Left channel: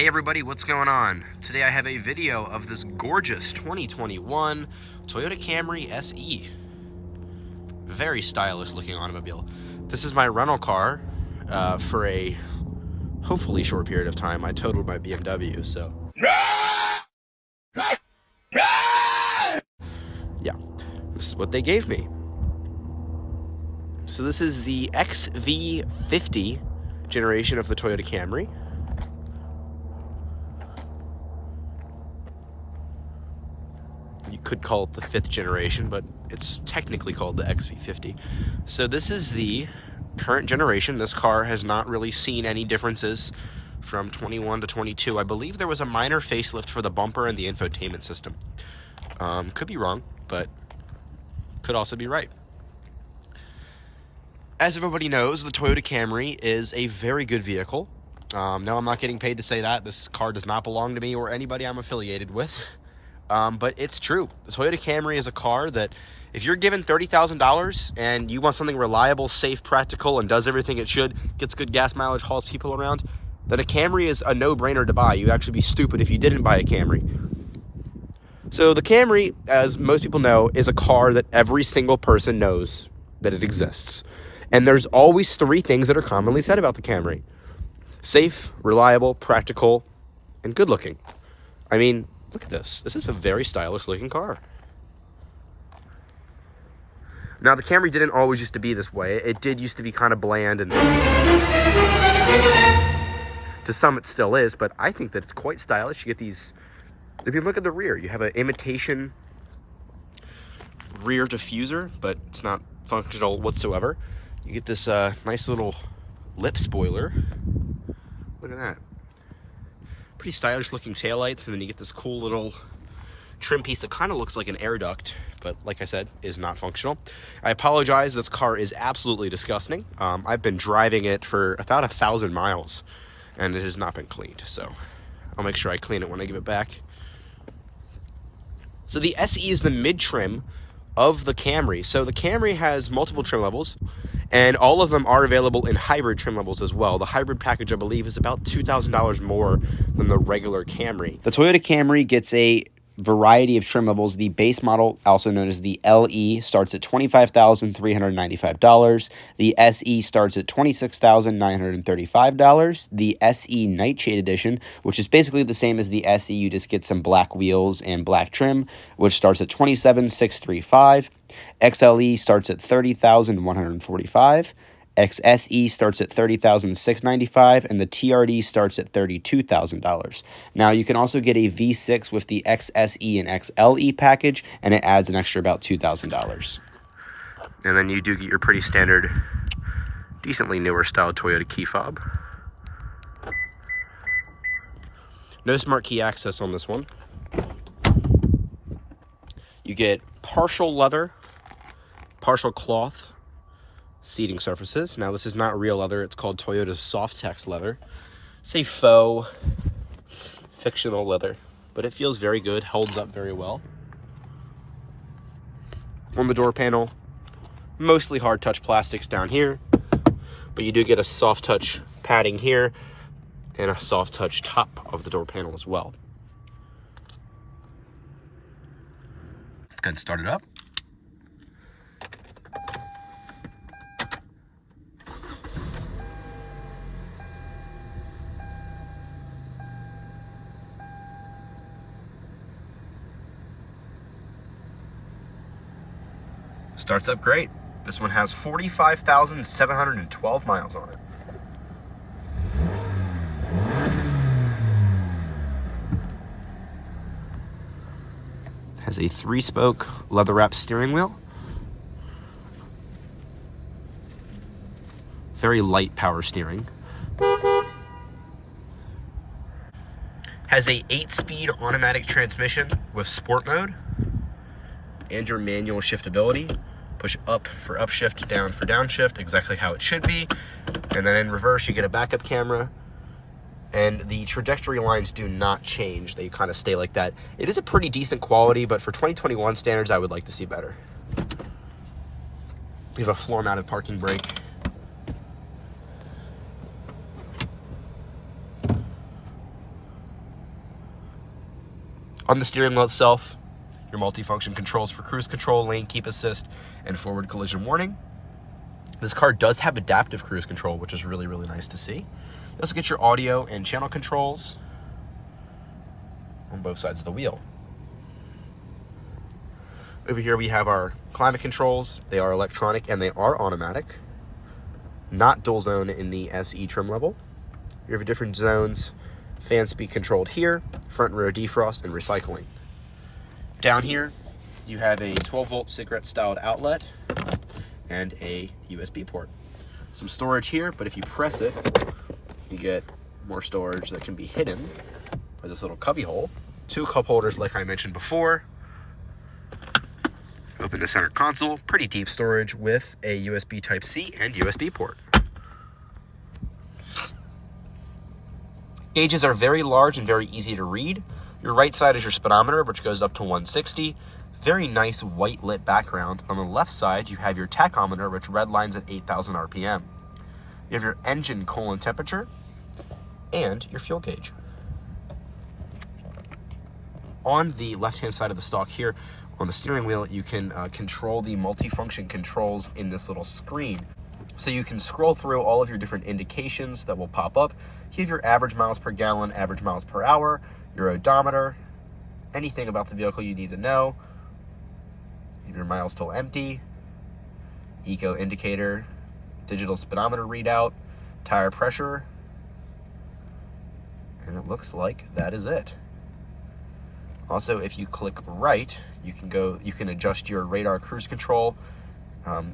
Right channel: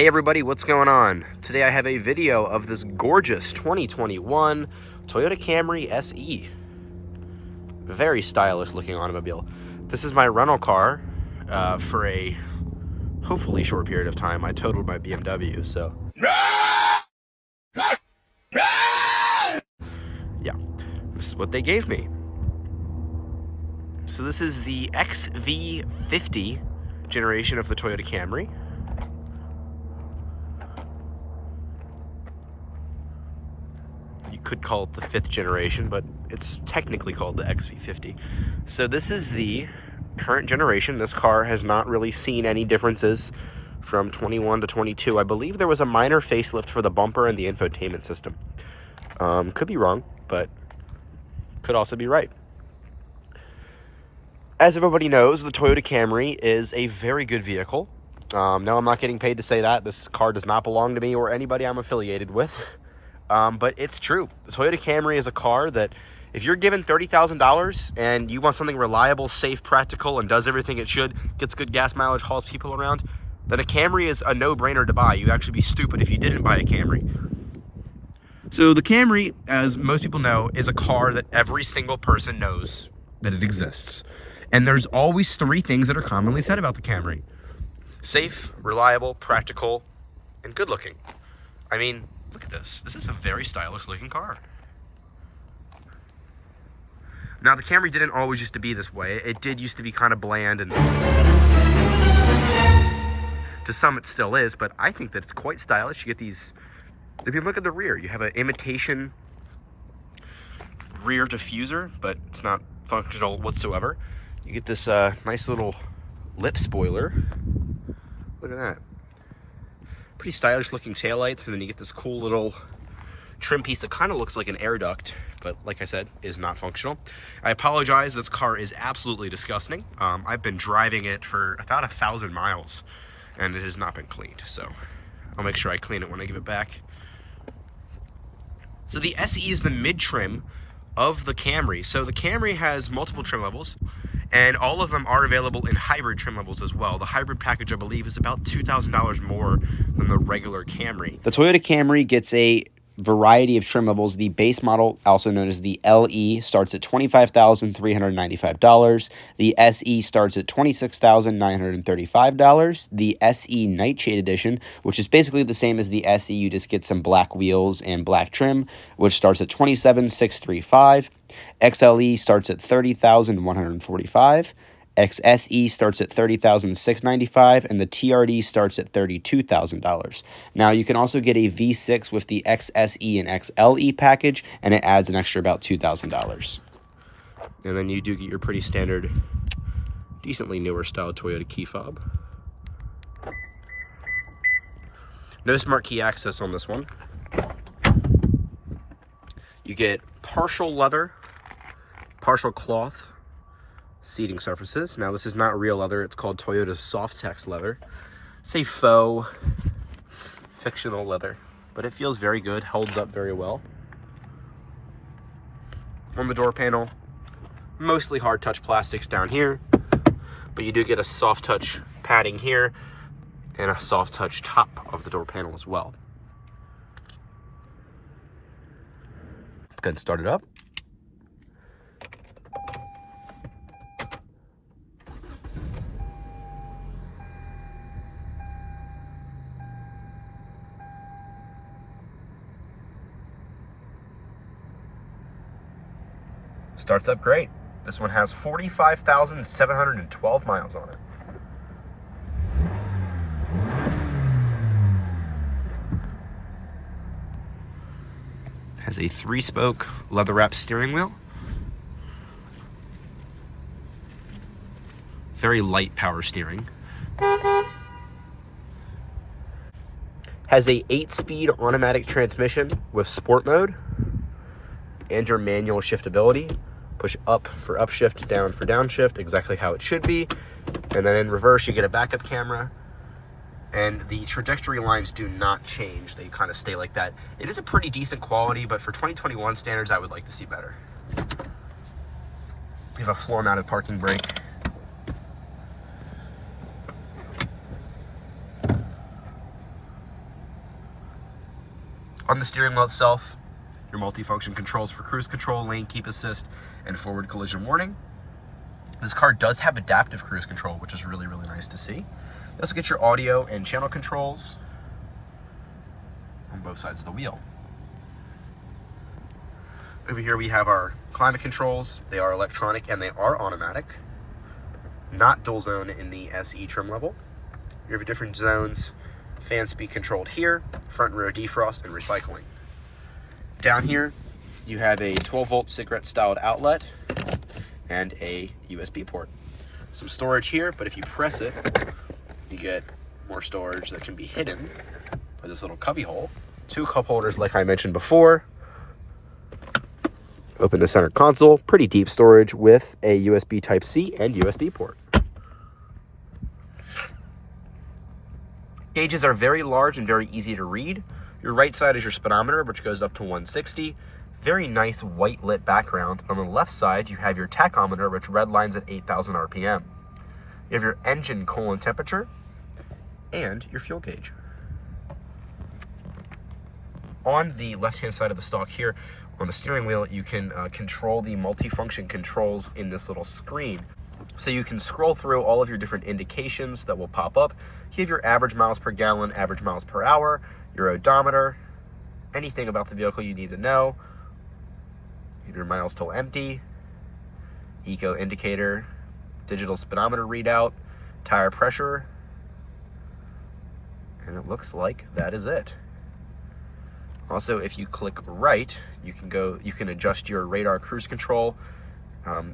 Hey everybody, what's going on? Today I have a video of this gorgeous 2021 Toyota Camry SE. Very stylish looking automobile. This is my rental car for a hopefully short period of time. I totaled my BMW, so yeah, this is what they gave me. So this is the XV50 generation of the Toyota Camry. You could call it the 5th generation, but it's technically called the XV50. So this is the current generation. This car has not really seen any differences from 21 to 22. I believe there was a minor facelift for the bumper and the infotainment system. Could be wrong, but could also be right. As everybody knows, the Toyota Camry is a very good vehicle. No, I'm not getting paid to say that. This car does not belong to me or anybody I'm affiliated with. But it's true. The Toyota Camry is a car that if you're given $30,000 and you want something reliable, safe, practical, and does everything it should, gets good gas mileage, hauls people around, then a Camry is a no-brainer to buy. You'd actually be stupid if you didn't buy a Camry. So the Camry, as most people know, is a car that every single person knows that it exists. And there's always 3 things that are commonly said about the Camry: safe, reliable, practical, and good looking. I mean, look at this. This is a very stylish looking car. Now, the Camry didn't always used to be this way. It did used to be kind of bland, and to some it still is, but I think that it's quite stylish. You get these, if you look at the rear, you have an imitation rear diffuser, but it's not functional whatsoever. You get this nice little lip spoiler. Look at that. Pretty stylish looking taillights, and then you get this cool little trim piece that kind of looks like an air duct, but like I said, is not functional. I apologize, this car is absolutely disgusting. I've been driving it for about 1,000 miles and it has not been cleaned, so I'll make sure I clean it when I give it back. So the SE is the mid-trim of the Camry. So the Camry has multiple trim levels, and all of them are available in hybrid trim levels as well. The hybrid package, I believe, is about $2,000 more than the regular Camry. The Toyota Camry gets a variety of trim levels. The base model, also known as the LE, starts at $25,395. The SE starts at $26,935. The SE Nightshade Edition, which is basically the same as the SE, you just get some black wheels and black trim, which starts at $27,635. XLE starts at $30,145. XSE starts at $30,695, and the TRD starts at $32,000. Now, you can also get a V6 with the XSE and XLE package, and it adds an extra about $2,000. And then you do get your pretty standard, decently newer style Toyota key fob. No smart key access on this one. You get partial leather, partial cloth seating surfaces. Now, this is not real leather. It's called Toyota Softtex leather. It's a faux, fictional leather, but it feels very good, holds up very well. On the door panel, mostly hard touch plastics down here, but you do get a soft touch padding here and a soft touch top of the door panel as well. Let's go ahead and start it up. Starts up great. This one has 45,712 miles on it. Has a 3-spoke leather wrap steering wheel. Very light power steering. Has a 8-speed automatic transmission with sport mode and your manual shiftability. Push up for upshift, down for downshift, exactly how it should be. And then in reverse, you get a backup camera. And the trajectory lines do not change. They kind of stay like that. It is a pretty decent quality, but for 2021 standards, I would like to see better. You have a floor-mounted parking brake. On the steering wheel itself, your multifunction controls for cruise control, lane keep assist, and forward collision warning. This car does have adaptive cruise control, which is really, really nice to see. You also get your audio and channel controls on both sides of the wheel. Over here we have our climate controls. They are electronic and they are automatic. Not dual zone in the SE trim level. You have your different zones, fan speed controlled here, front and rear defrost, and recycling. Down here, you have a 12-volt cigarette-styled outlet and a USB port. Some storage here, but if you press it, you get more storage that can be hidden by this little cubby hole. 2 cup holders like I mentioned before. Open the center console, pretty deep storage with a USB Type-C and USB port. Gauges are very large and very easy to read. Your right side is your speedometer, which goes up to 160. Very nice white lit background. On the left side, you have your tachometer, which redlines at 8,000 RPM. You have your engine coolant temperature and your fuel gauge. On the left-hand side of the stalk here, on the steering wheel, you can control the multifunction controls in this little screen. So you can scroll through all of your different indications that will pop up. You have your average miles per gallon, average miles per hour, your odometer, anything about the vehicle you need to know. Your miles till empty, eco indicator, digital speedometer readout, tire pressure, and it looks like that is it. Also, if you click right, you can adjust your radar cruise control.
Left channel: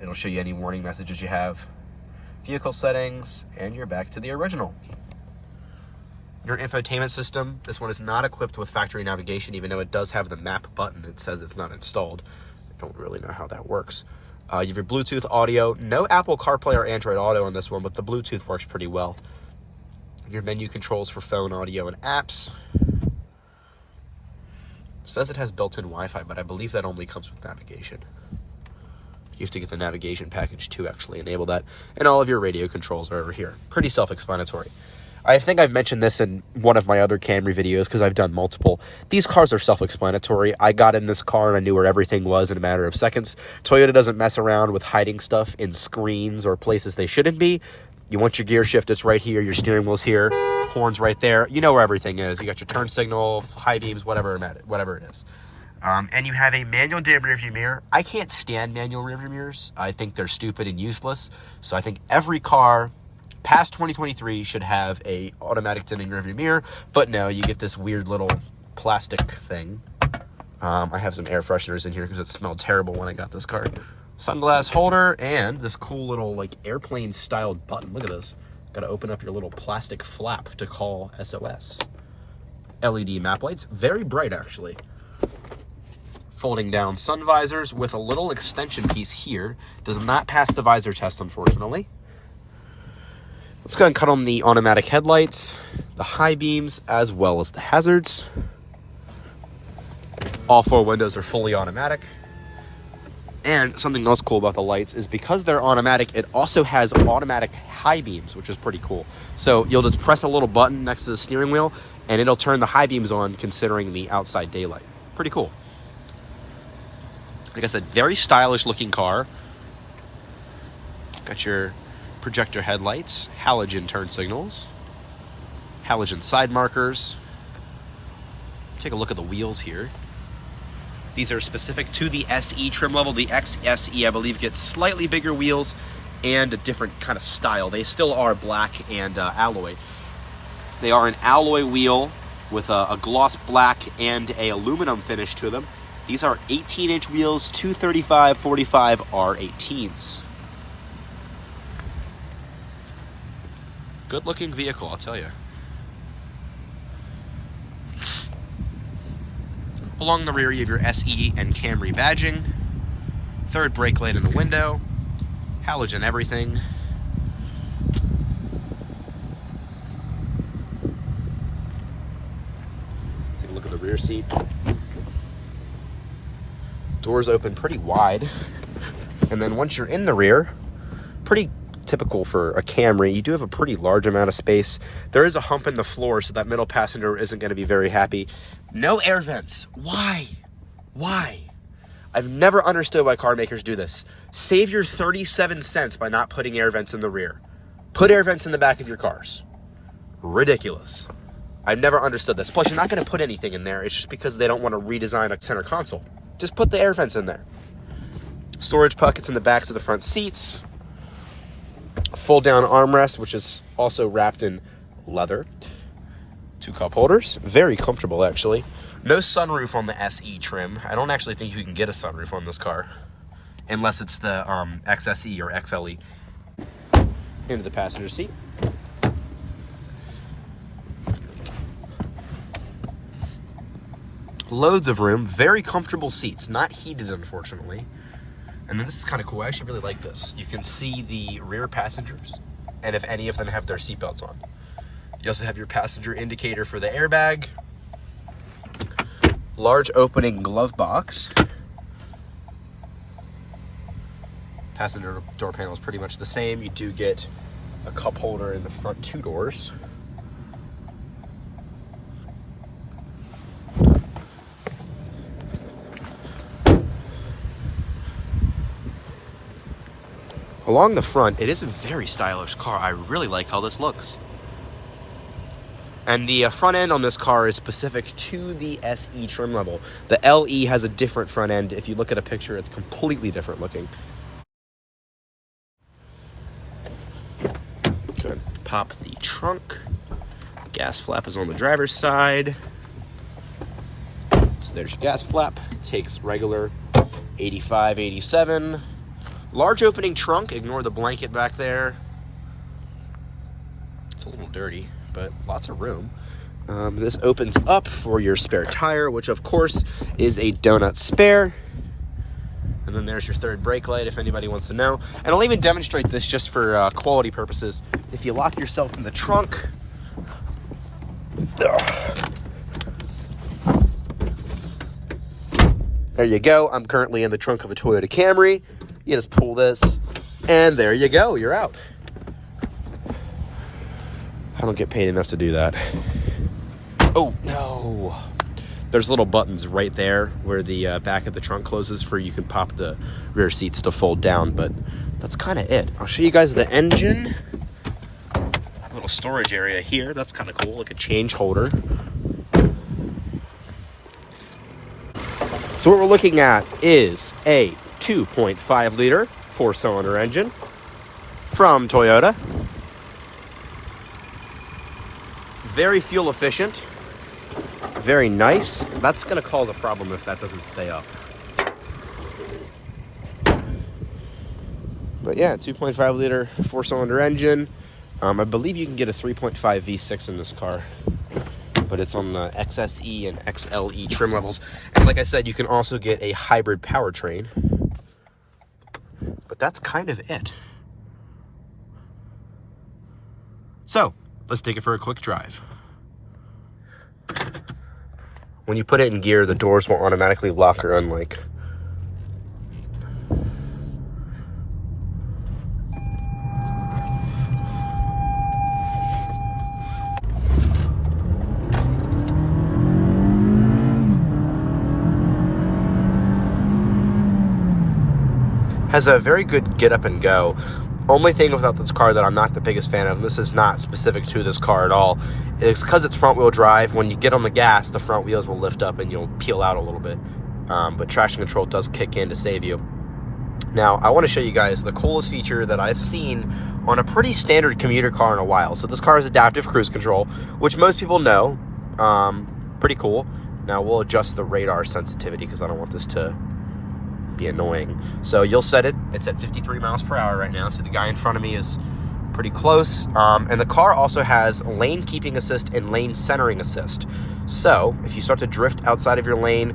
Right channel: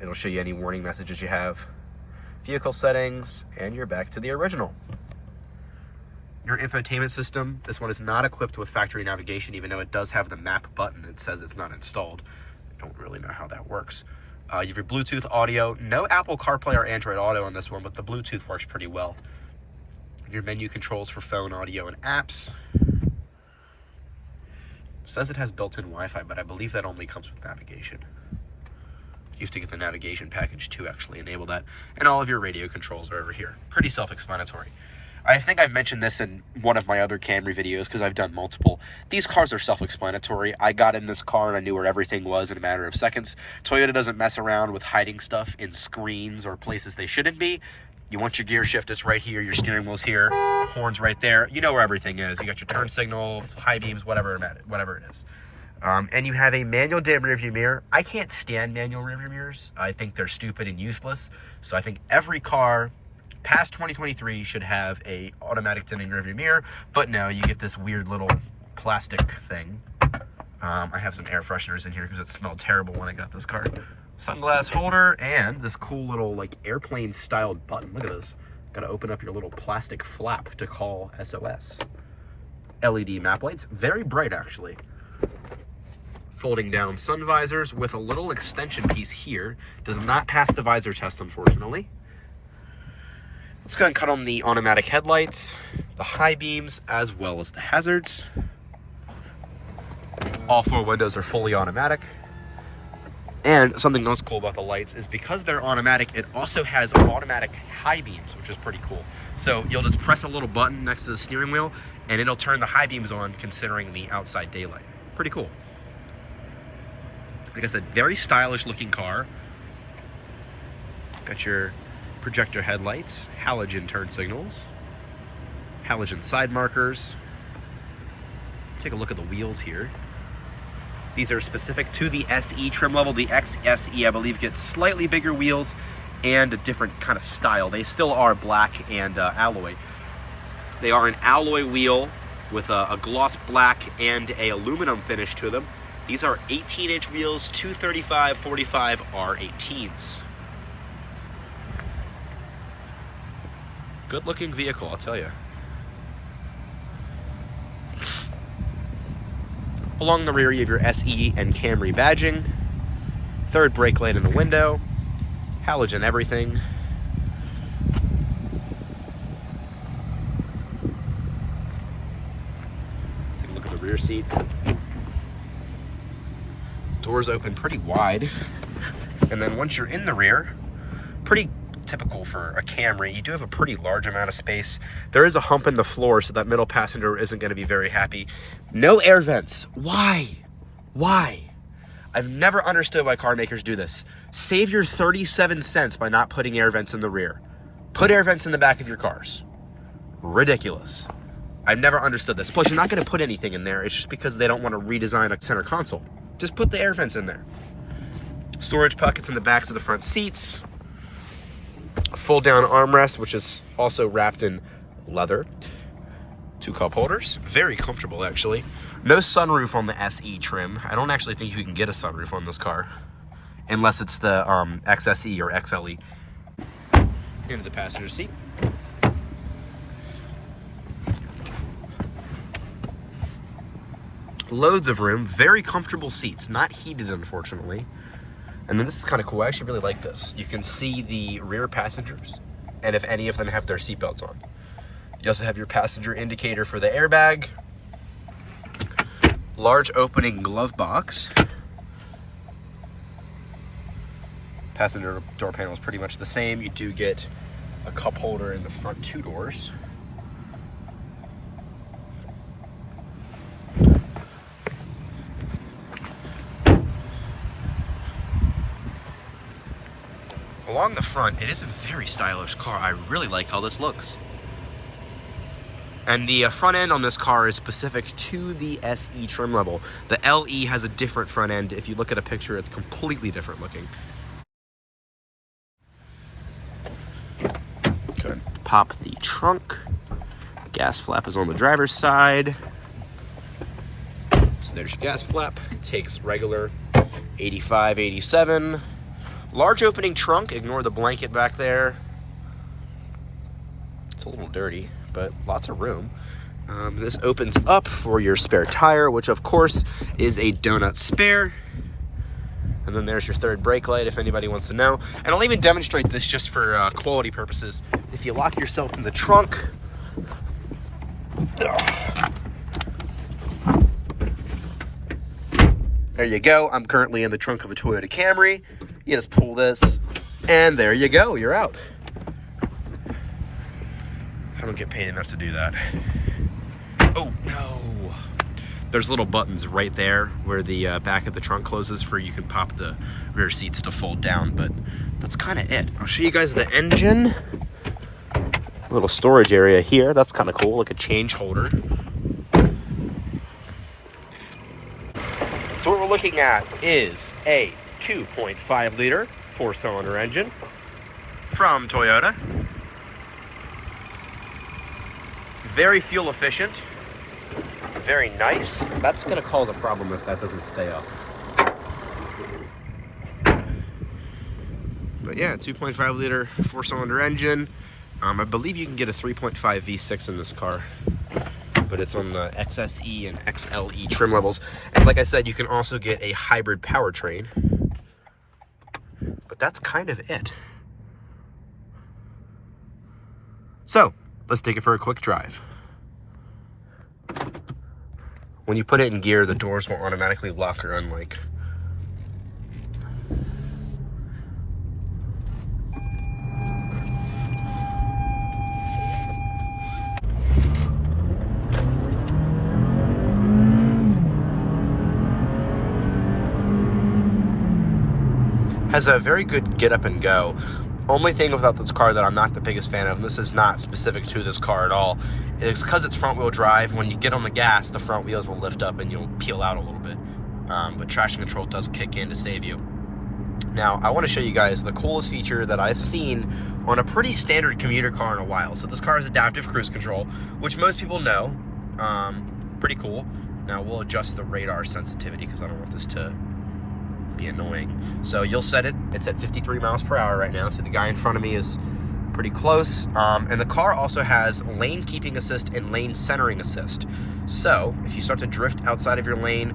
It'll show you any warning messages you have, vehicle settings, and you're back to the original. Your infotainment system, this one is not equipped with factory navigation, even though it does have the map button. It says it's not installed. I don't really know how that works. You have your Bluetooth audio. No Apple CarPlay or Android Auto on this one, but the Bluetooth works pretty well. Your menu controls for phone audio and apps. It says it has built-in Wi-Fi, but I believe that only comes with navigation. You have to get the navigation package to actually enable that. And all of your radio controls are over here. Pretty self-explanatory. I think I've mentioned this in one of my other Camry videos because I've done multiple. These cars are self-explanatory. I got in this car and I knew where everything was in a matter of seconds. Toyota doesn't mess around with hiding stuff in screens or places they shouldn't be. You want your gear shift, it's right here. Your steering wheel's here. Horns right there. You know where everything is. You got your turn signal, high beams, whatever it is. And you have a manual dim rearview mirror. I can't stand manual rearview mirrors. I think they're stupid and useless. So I think every car past 2023 should have a automatic dimming rearview mirror. But no, you get this weird little plastic thing. I have some air fresheners in here because it smelled terrible when I got this car. Sunglass holder and this cool little like airplane styled button. Look at this. Got to open up your little plastic flap to call SOS. LED map lights. Very bright actually. Folding down sun visors with a little extension piece here. Does not pass the visor test, unfortunately. Let's go ahead and cut on the automatic headlights, the high beams, as well as the hazards. All 4 windows are fully automatic. And something else cool about the lights is because they're automatic, it also has automatic high beams, which is pretty cool. So you'll just press a little button next to the steering wheel and it'll turn the high beams on considering the outside daylight. Pretty cool. Like I said, very stylish looking car. Got your projector headlights, halogen turn signals, halogen side markers. Take a look at the wheels here. These are specific to the SE trim level. The XSE, I believe, gets slightly bigger wheels and a different kind of style. They still are black and alloy. They are an alloy wheel with a gloss black and a aluminum finish to them. These are 18-inch wheels, 235/45 R18s. Good looking vehicle, I'll tell you. Along the rear, you have your SE and Camry badging. Third brake light in the window. Halogen everything. Take a look at the rear seat. Doors open pretty wide. And then once you're in the rear, pretty typical for a Camry, you do have a pretty large amount of space. There is a hump in the floor, so that middle passenger isn't going to be very happy. No air vents. Why? I've never understood why car makers do this. Save your 37 cents by not putting air vents in the rear. Put air vents in the back of your cars. Ridiculous. I've never understood this. Plus, you're not going to put anything in there. It's just because they don't want to redesign a center console. Just put the air vents in there. Storage pockets in the backs of the front seats. Fold down armrest, which is also wrapped in leather. 2 cup holders. Very comfortable, actually. No sunroof on the SE trim. I don't actually think you can get a sunroof on this car, unless it's the XSE or XLE. Into the passenger seat. Loads of room, very comfortable seats, not heated, unfortunately. And then this is kind of cool. I actually really like this. You can see the rear passengers, and if any of them have their seatbelts on. You also have your passenger indicator for the airbag. Large opening glove box. Passenger door panel is pretty much the same. You do get a cup holder in the front 2 doors. Along the front, it is a very stylish car. I really like how this looks. And the front end on this car is specific to the SE trim level. The LE has a different front end. If you look at a picture, it's completely different looking. Good. Pop the trunk. Gas flap is on the driver's side. So there's your gas flap. It takes regular 85, 87. Large opening trunk. Ignore the blanket back there. It's a little dirty, but lots of room. This opens up for your spare tire, which of course is a donut spare. And then there's your third brake light if anybody wants to know. And I'll even demonstrate this just for quality purposes. If you lock yourself in the trunk, there you go. I'm currently in the trunk of a Toyota Camry. You just pull this, and there you go. You're out. I don't get paid enough to do that. Oh, no. There's little buttons right there where the back of the trunk closes for you can pop the rear seats to fold down, but that's kind of it. I'll show you guys the engine. A little storage area here. That's kind of cool, like a change holder. So what we're looking at is a 2.5 liter 4-cylinder engine from Toyota. Very fuel efficient, very nice. That's gonna cause a problem if that doesn't stay up. But yeah, 2.5 liter 4-cylinder engine. I believe you can get a 3.5 V6 in this car, but it's on the XSE and XLE trim levels. And like I said, you can also get a hybrid powertrain. But that's kind of it. So, let's take it for a quick drive. When you put it in gear, the doors won't automatically lock or unlock. Has a very good get up and go. Only thing about this car that I'm not the biggest fan of, and this is not specific to this car at all, is because it's front wheel drive. When you get on the gas, the front wheels will lift up and you'll peel out a little bit. But traction control does kick in to save you. Now, I want to show you guys the coolest feature that I've seen on a pretty standard commuter car in a while. So this car is adaptive cruise control, which most people know. Pretty cool. Now, we'll adjust the radar sensitivity because I don't want this to be annoying. So you'll set it. It's at 53 miles per hour right now. So the guy in front of me is pretty close. And the car also has lane keeping assist and lane centering assist. So if you start to drift outside of your lane,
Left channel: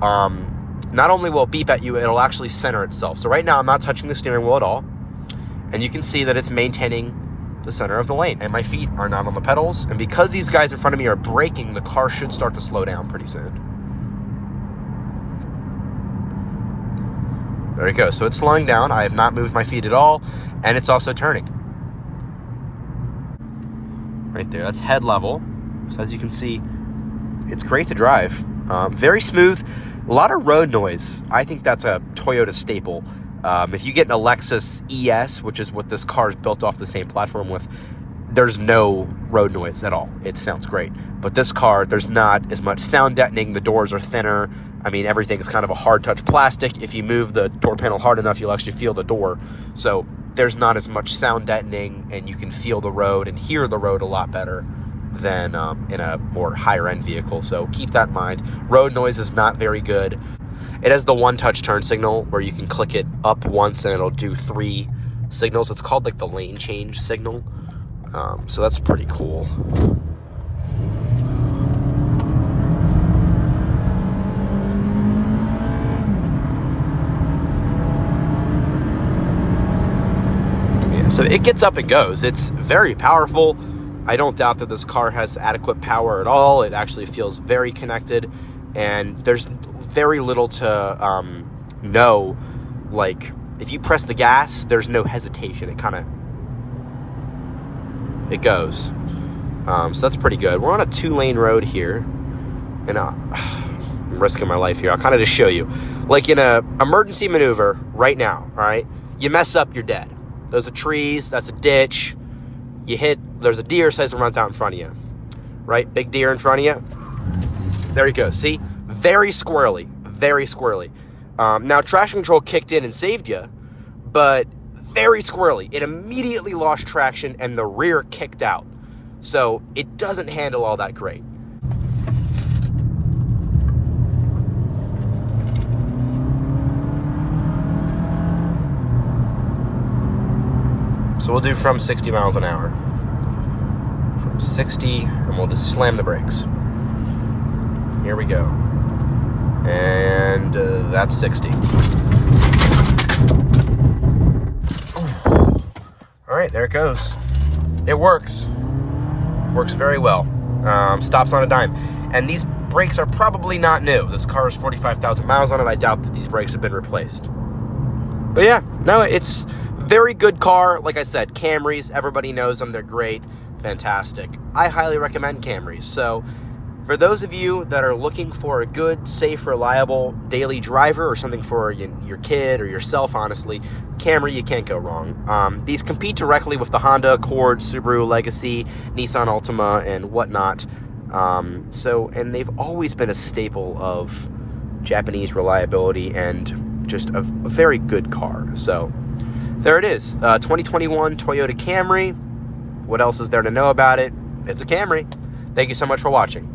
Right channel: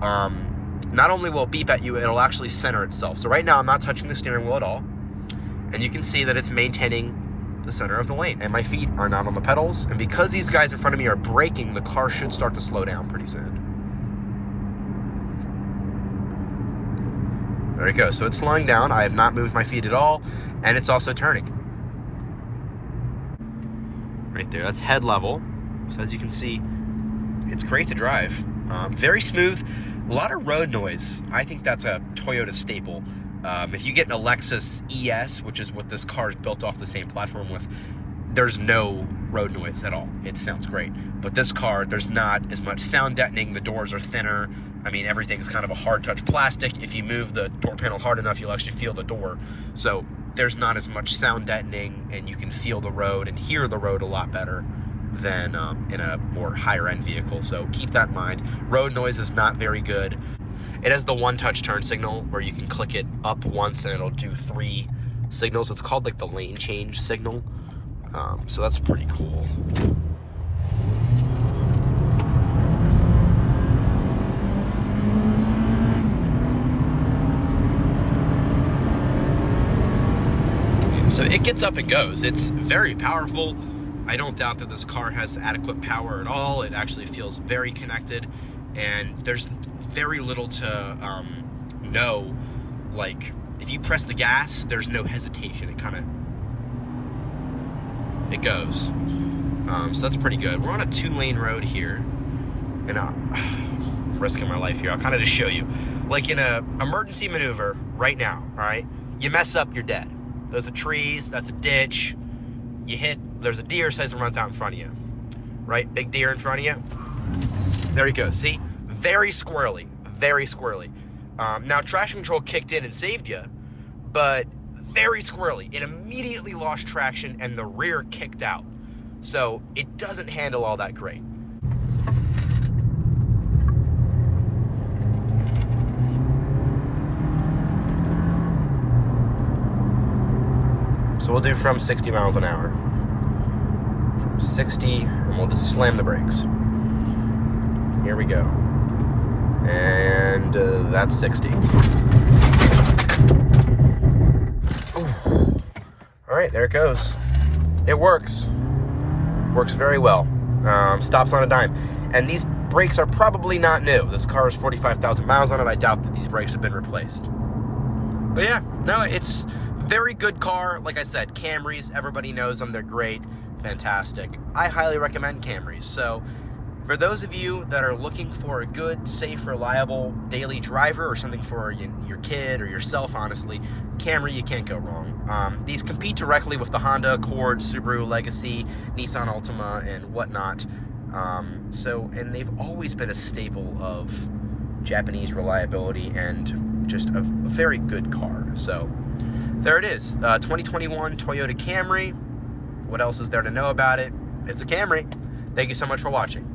not only will it beep at you, it'll actually center itself. So right now I'm not touching the steering wheel at all. And you can see that it's maintaining the center of the lane. And my feet are not on the pedals. And because these guys in front of me are braking, the car should start to slow down pretty soon. There it goes. So it's slowing down. I have not moved my feet at all, and it's also turning. Right there, that's head level. So as you can see, it's great to drive. Very smooth. A lot of road noise. I think that's a Toyota staple. If you get an Lexus ES, which is what this car is built off the same platform with, there's no road noise at all. It sounds great. But this car, there's not as much sound deadening. The doors are thinner. I mean, everything is kind of a hard touch plastic. If you move the door panel hard enough, you'll actually feel the door. So there's not as much sound deadening, and you can feel the road and hear the road a lot better than in a more higher end vehicle. So keep that in mind. Road noise is not very good. It has the one touch turn signal where you can click it up once and it'll do 3 signals. It's called like the lane change signal. So that's pretty cool. Yeah, so it gets up and goes. It's very powerful. I don't doubt that this car has adequate power at all. It actually feels very connected, and there's very little to know. Like, if you press the gas, there's no hesitation. It goes. So that's pretty good. We're on a 2-lane road here, and I'm risking my life here. I'll kind of just show you. Like in a emergency maneuver right now, all right? You mess up, you're dead. Those are trees, that's a ditch. You hit, there's a deer says it runs out in front of you, right? Big deer in front of you. There you go. See? Very squirrely, very squirrely. Now, traction control kicked in and saved you, but very squirrely. It immediately lost traction and the rear kicked out. So it doesn't handle all that great. So we'll do from 60 miles an hour. From 60, and we'll just slam the brakes. Here we go. And that's 60. All right, there it goes. It works. Works very well. Stops on a dime. And these brakes are probably not new. This car has 45,000 miles on it. I doubt that these brakes have been replaced. But yeah, no, it's very good car. Like I said, Camrys, everybody knows them. They're great, fantastic. I highly recommend Camrys. So for those of you that are looking for a good, safe, reliable daily driver, or something for your kid or yourself, honestly, Camry, you can't go wrong. These compete directly with the Honda Accord, Subaru Legacy, Nissan Altima, and whatnot. And they've always been a staple of Japanese reliability and just a very good car. So there it is, 2021 Toyota Camry. What else is there to know about it? It's a Camry. Thank you so much for watching.